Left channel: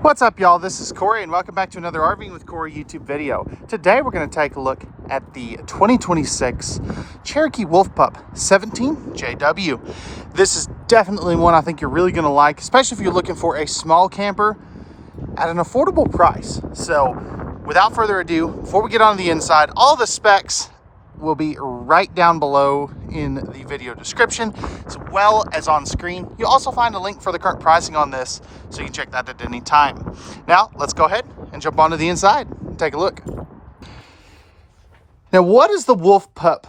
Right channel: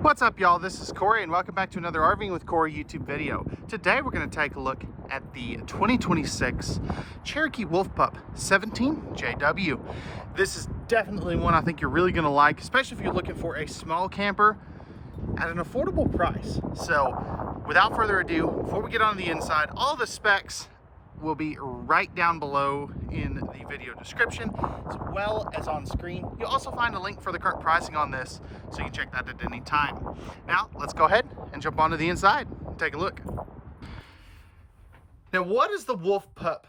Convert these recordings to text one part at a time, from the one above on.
What's up, y'all? This is Corey, and welcome back to another RVing with Corey YouTube video. Today, we're going to take a look at the 2026 Cherokee Pup 17JW. This is definitely one I think you're really going to like, especially if you're looking for a small camper at an affordable price. So, without further ado, before we get on the inside, all the specs will be right down below in the video description, as well as on screen. You'll also find a link for the current pricing on this, so you can check that at any time. Now, let's go ahead and jump onto the inside and take a look. Now, what does the Wolf Pup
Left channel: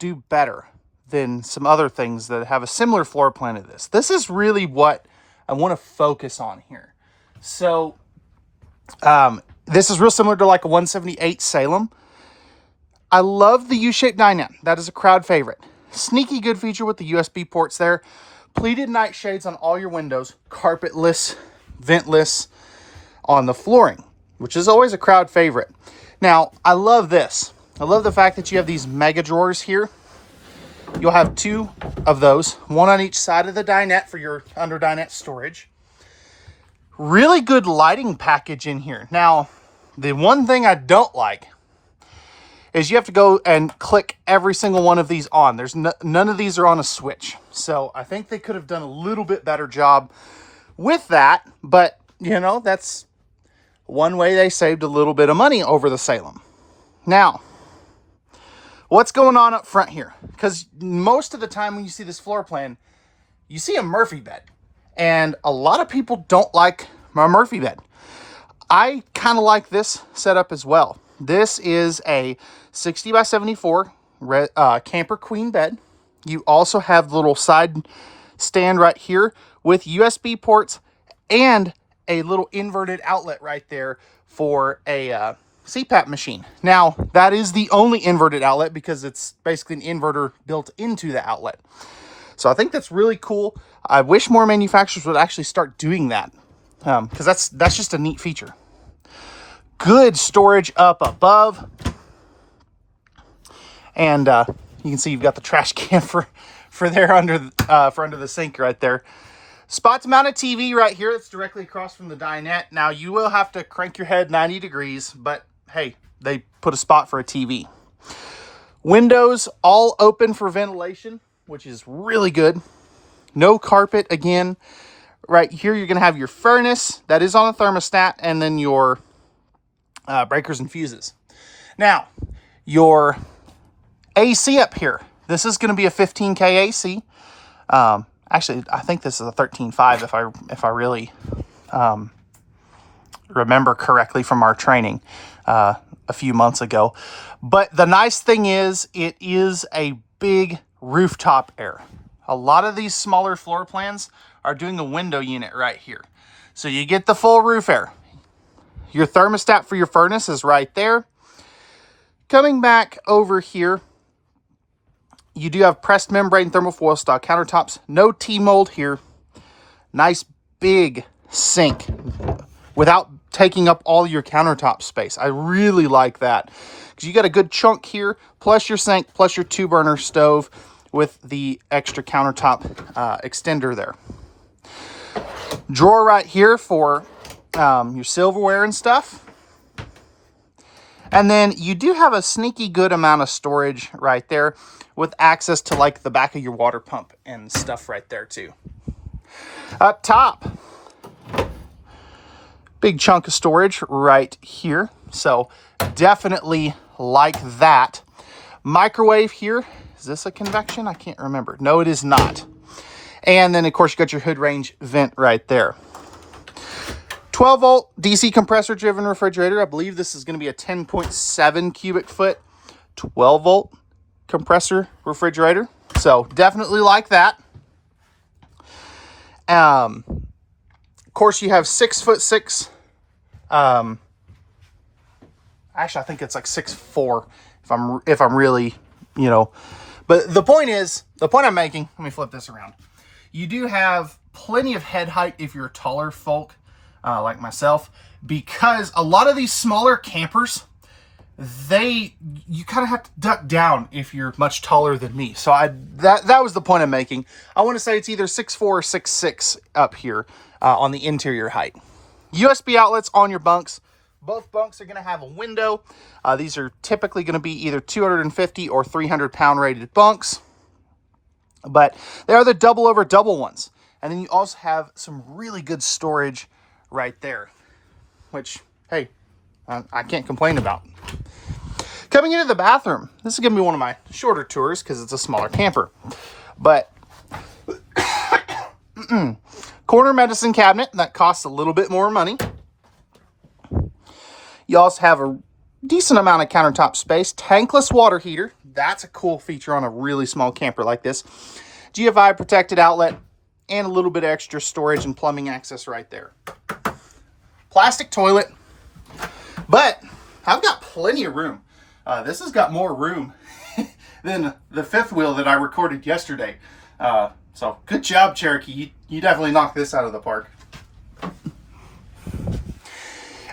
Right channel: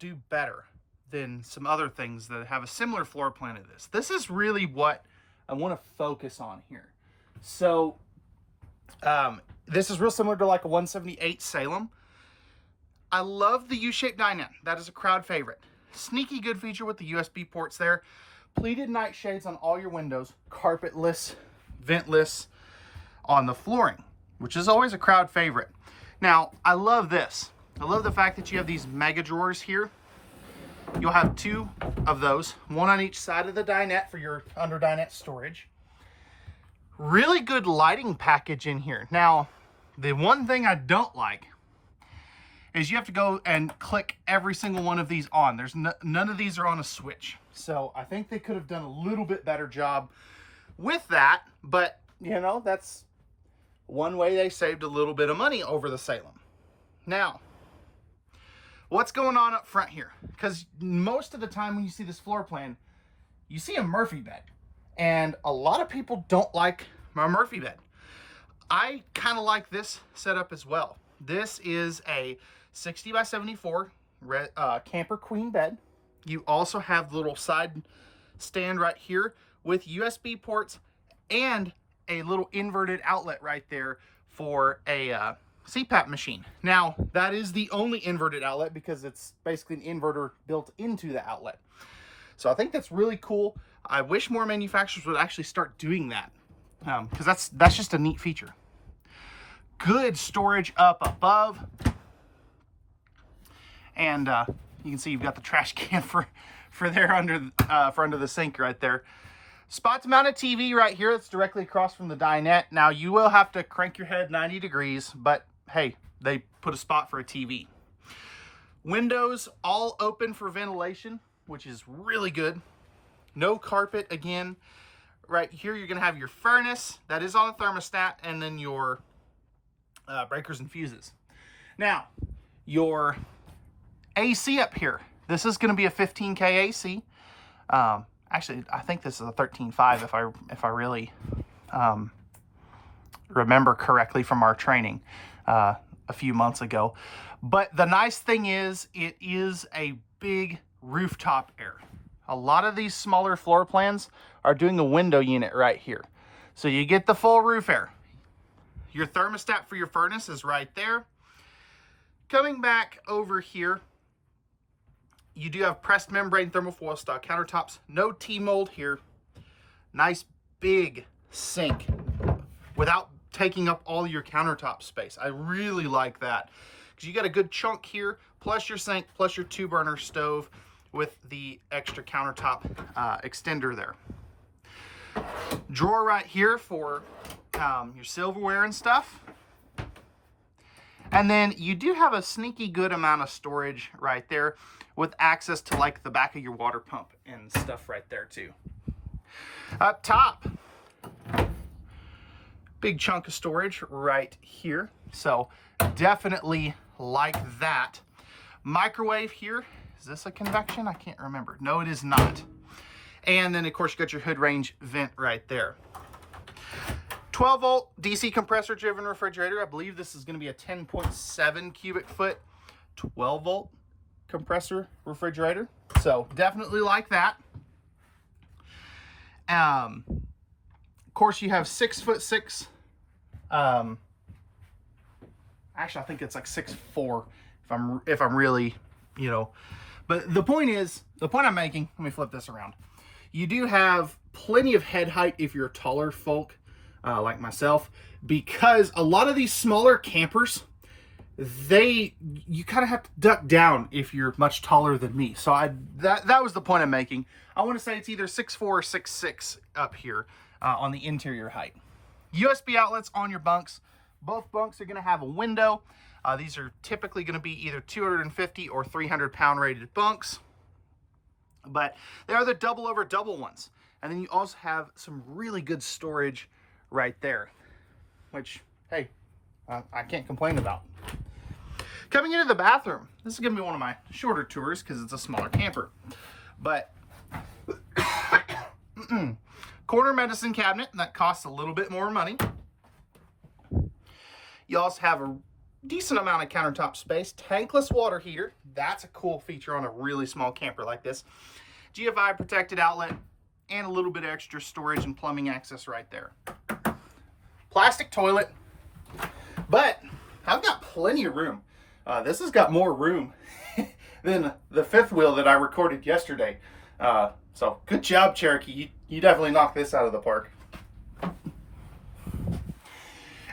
do better than some other things that have a similar floor plan to this? This is really what I want to focus on here. So, this is real similar to like a 178 Salem. I love the U-shaped dinette. That is a crowd favorite. Sneaky good feature with the USB ports there. Pleated nightshades on all your windows. Carpetless, ventless on the flooring, which is always a crowd favorite. Now, I love this. I love the fact that you have these mega drawers here. You'll have two of those, one on each side of the dinette for your under dinette storage. Really good lighting package in here. Now, the one thing I don't like is you have to go and click every single one of these on. There's none of these are on a switch. So I think they could have done a little bit better job with that. But, you know, that's one way they saved a little bit of money over the Salem. Now, what's going on up front here? Because most of the time when you see this floor plan, you see a Murphy bed. And a lot of people don't like my Murphy bed. I kind of like this setup as well. This is a 60 by 74 camper queen bed. You also have the little side stand right here with USB ports and a little inverted outlet right there for a CPAP machine. Now, that is the only inverted outlet because it's basically an inverter built into the outlet. So I think that's really cool. I wish more manufacturers would actually start doing that because that's just a neat feature. Good storage up above. And you can see you've got the trash can for there under the sink right there. Spots mounted TV right here. It's directly across from the dinette. Now, you will have to crank your head 90 degrees, but hey, they put a spot for a TV. Windows all open for ventilation, which is really good. No carpet again. Right here, you're going to have your furnace. That is on a thermostat, and then your breakers and fuses. Now, your AC up here. This is going to be a 15K AC. Actually, I think this is a 13.5 if I really remember correctly from our training a few months ago. But the nice thing is, it is a big rooftop air. A lot of these smaller floor plans are doing a window unit right here. So you get the full roof air. Your thermostat for your furnace is right there. Coming back over here, you do have pressed membrane thermofoil style countertops. No T-mold here. Nice big sink without taking up all your countertop space. I really like that because you got a good chunk here, plus your sink, plus your 2-burner stove with the extra countertop extender there. Drawer right here for your silverware and stuff. And then you do have a sneaky good amount of storage right there with access to like the back of your water pump and stuff right there too. Up top, big chunk of storage right here. So definitely like that. Microwave here. Is this a convection? I can't remember. No, it is not. And then of course you got your hood range vent right there. 12 volt DC compressor driven refrigerator. I believe this is going to be a 10.7 cubic foot 12 volt compressor refrigerator. So definitely like that. Of course you have 6'6". Actually, I think it's like 6'4" if I'm really, you know. But the point I'm making, let me flip this around. You do have plenty of head height if you're taller folk. Like myself, because a lot of these smaller campers, you kind of have to duck down if you're much taller than me. So that was the point I'm making. I want to say it's either 6'4" or 6'6" up here on the interior height. USB outlets on your bunks. Both bunks are going to have a window. These are typically going to be either 250 or 300 pound rated bunks, but they are the double over double ones. And then you also have some really good storage right there, which, hey, I can't complain about. Coming into the bathroom, this is going to be one of my shorter tours because it's a smaller camper, but corner medicine cabinet, that costs a little bit more money. You also have a decent amount of countertop space. Tankless water heater. That's a cool feature on a really small camper like this. GFI protected outlet and a little bit of extra storage and plumbing access right there. Plastic toilet. But I've got plenty of room. This has got more room than the fifth wheel that I recorded yesterday. So good job, Cherokee. You definitely knocked this out of the park.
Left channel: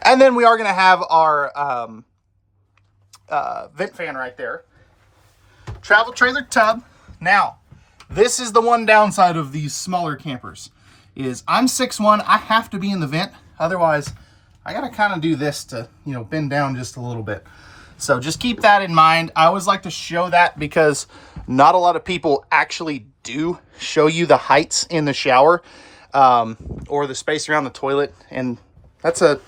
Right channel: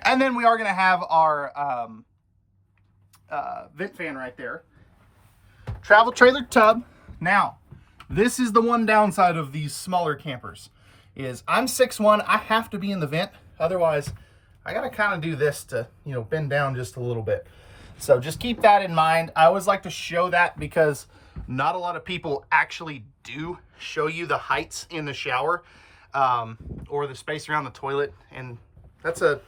And then we are going to have our vent fan right there. Travel trailer tub. Now, this is the one downside of these smaller campers, is I'm 6'1", I have to be in the vent. Otherwise, I got to kind of do this to, bend down just a little bit. So just keep that in mind. I always like to show that because not a lot of people actually do show you the heights in the shower or the space around the toilet. And that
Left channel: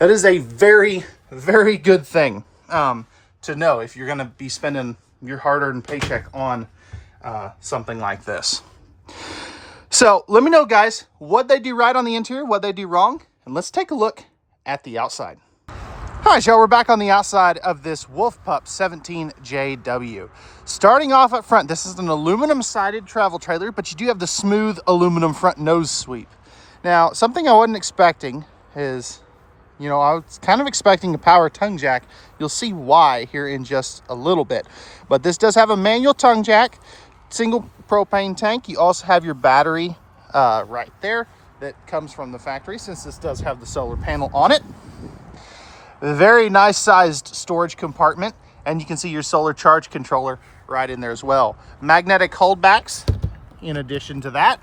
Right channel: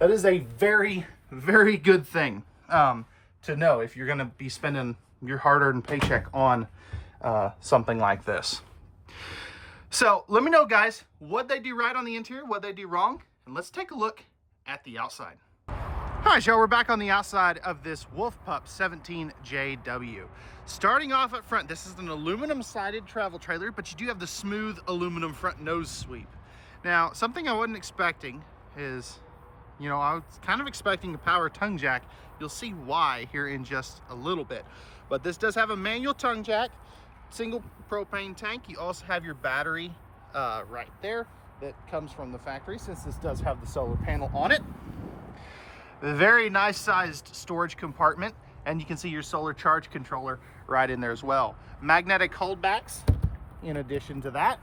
is a very, very good thing to know if you're going to be spending your hard-earned paycheck on something like this. So let me know, guys, what they do right on the interior, what they do wrong, and let's take a look at the outside. All right, y'all, we're back on the outside of this Pup 17JW. Starting off up front, this is an aluminum-sided travel trailer, but you do have the smooth aluminum front nose sweep. Now, something I wasn't expecting is, I was kind of expecting a power tongue jack. You'll see why here in just a little bit. But this does have a manual tongue jack, single propane tank. You also have your battery right there that comes from the factory, since this does have the solar panel on it. Very nice sized storage compartment, and you can see your solar charge controller right in there as well. Magnetic holdbacks in addition to that.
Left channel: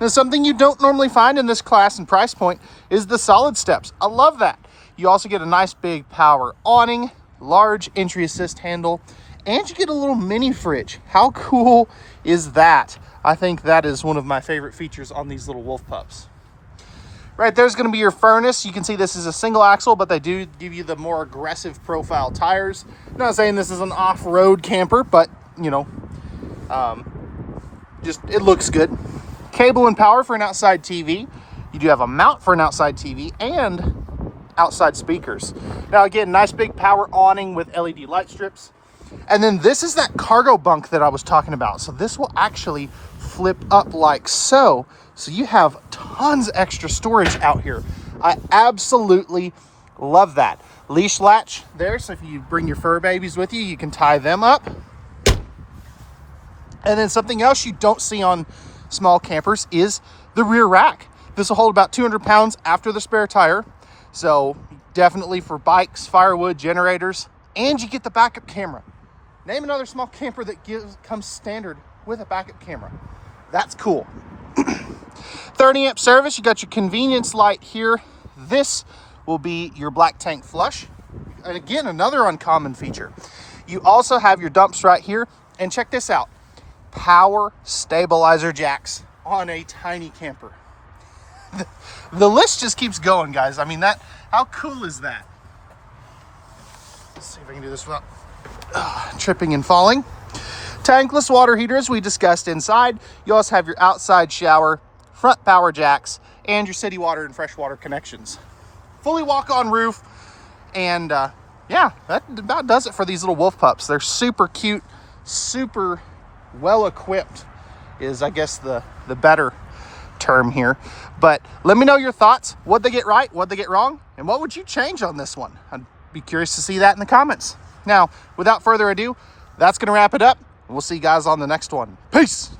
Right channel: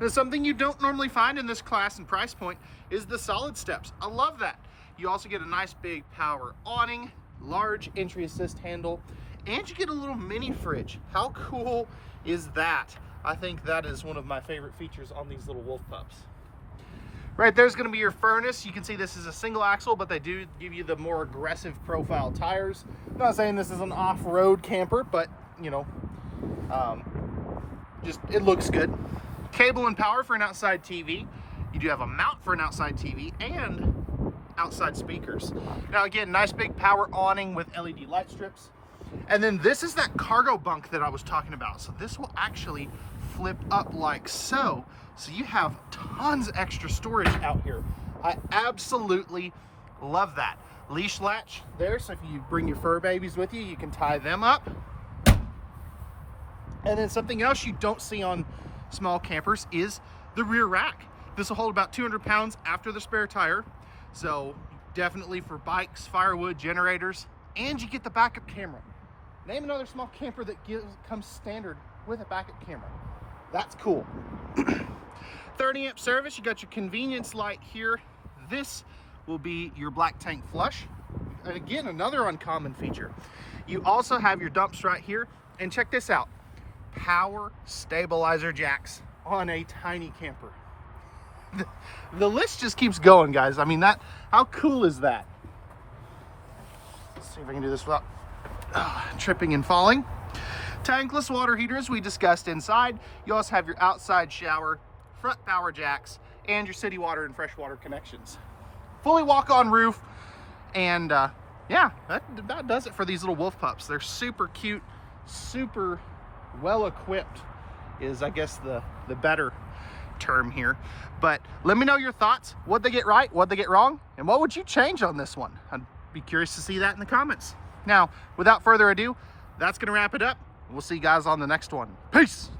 Now, something you don't normally find in this class and price point is the solid steps. I love that. You also get a nice big power awning, large entry assist handle, and you get a little mini fridge. How cool is that? I think that is one of my favorite features on these little Wolf Pups. Right there's going to be your furnace. You can see this is a single axle, but they do give you the more aggressive profile tires. I'm not saying this is an off-road camper, but just it looks good. Cable and power for an outside TV. You do have a mount for an outside TV and outside speakers. Now again, nice big power awning with LED light strips. And then this is that cargo bunk that I was talking about. So this will actually flip up like so. So you have tons of extra storage out here. I absolutely love that. Leash latch there, so if you bring your fur babies with you, you can tie them up. And then something else you don't see on small campers is the rear rack. This will hold about 200 pounds after the spare tire. So definitely for bikes, firewood, generators, and you get the backup camera. Name another small camper that comes standard with a backup camera. That's cool. 30 amp service. You got your convenience light here. This will be your black tank flush. And again, another uncommon feature. You also have your dumps right here. And check this out. Power stabilizer jacks on a tiny camper. The list just keeps going, guys. I mean, how cool is that? Let's see if I can do this without tripping and falling. Tankless water heater, as we discussed inside. You also have your outside shower, front power jacks, and your city water and freshwater connections. Fully walk-on roof, and yeah, that about does it for these little Wolf Pups. They're super cute, super well-equipped is, I guess, the better term here. But let me know your thoughts. What'd they get right? What'd they get wrong? And what would you change on this one? I'd be curious to see that in the comments. Now, without further ado, that's going to wrap it up. We'll see you guys on the next one. Peace.